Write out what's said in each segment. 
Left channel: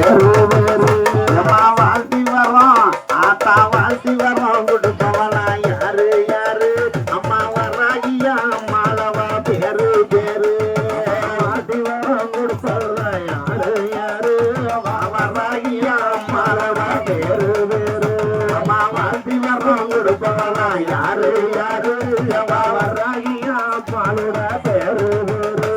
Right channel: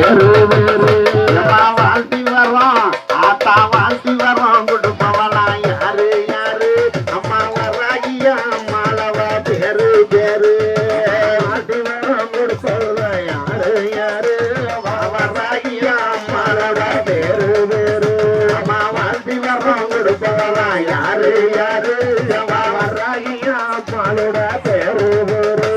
பேரு வேறு வாழ்த்தி வரோம் ஆத்தா வாழ்த்தி வரோம் கொடுப்பவளா யாரு யாரு அம்மா வராகியா அம்மாளவா பேரு பேரு வாழ்த்தி வரோம் கொடுப்பவளா யாரு யாரு அம்மா வராகியா அம்மாளவா பேரு வேறு அம்மா வாழ்த்தி வரோம் கொடுப்பவளா யாரு யாரு அம்மா வராகியா அம்மாளோட பேரு வேறு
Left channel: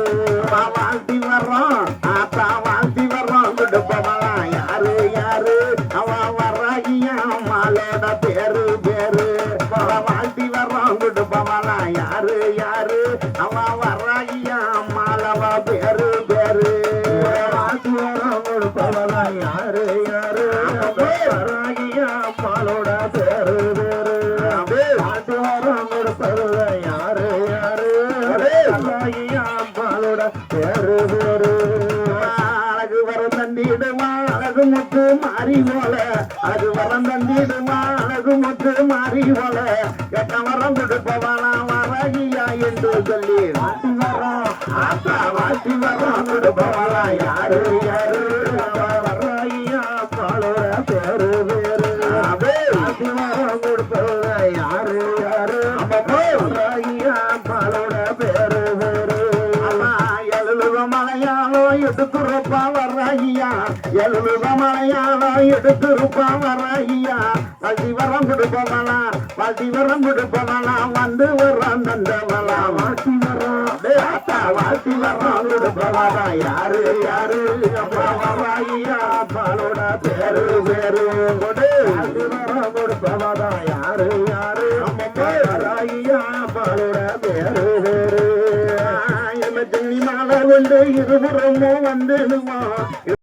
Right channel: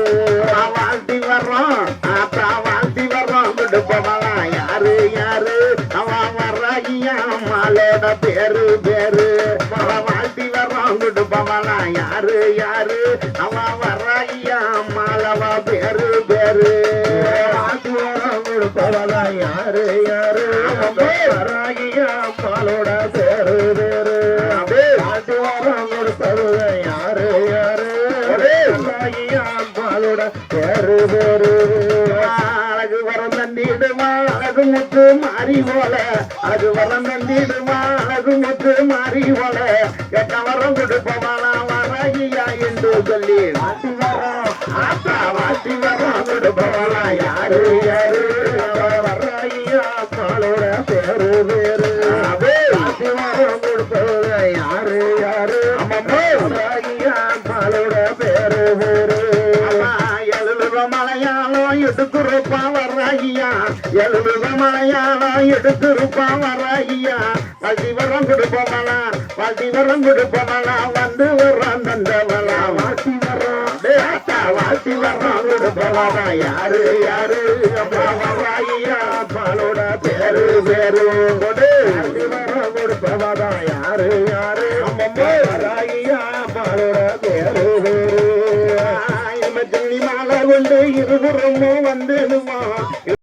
வாழ்த்தி வரோம் ஆத்தா வாழ்த்தி வரோம் கொடுப்பவளா யாரு யாரு அவன் வராகியா அம்மாளோட பேரு பேரு வாழ்த்தி வரோம் கொடுப்பவளா யாரு யாரு அவன் வராகியா அம்மாளவா பேரு பேரு வாழ்த்தி வரோம் கொடுப்பவளா யாரு யாரு வராகியா அம்மாளோட பேரு பேரு வாழ்த்தி வரோம் கொடுப்பவளா யாரு யாரு வராகியா அம்மாளோட பேரு பேரு அழகு வரம் தந்திடுமா அழகு முத்து மாறி போல அழகு வரம் தந்திடுமா அழகு முத்து மாறி போல எட்ட வரம் கொடுப்பவனா வராகியா என்று சொல்லி வாட்டி வரோம் ஆத்தா வாட்டி வரோம் கொடுப்பவனா யாரு யாரு வராகியா பாலோட பேரு வேறு வாட்டி வரோம் கொடுப்பவனா யாரு யாரு வராகியா பாலோட பேரு வேறு எழுதுவ மலையாளம் எடுக்குறப்பா வராகியா எழுதுவ மலையாளம் எடுக்குறப்பா வராகியா வட்டி வரம் கொடுப்பவனா வட்டி வரம் கொடுப்பவனா வந்து வர்றான் தந்தவனா வாட்டி வரோம் வாட்டி வரோம் கொடுப்பவனா யாரு யாரு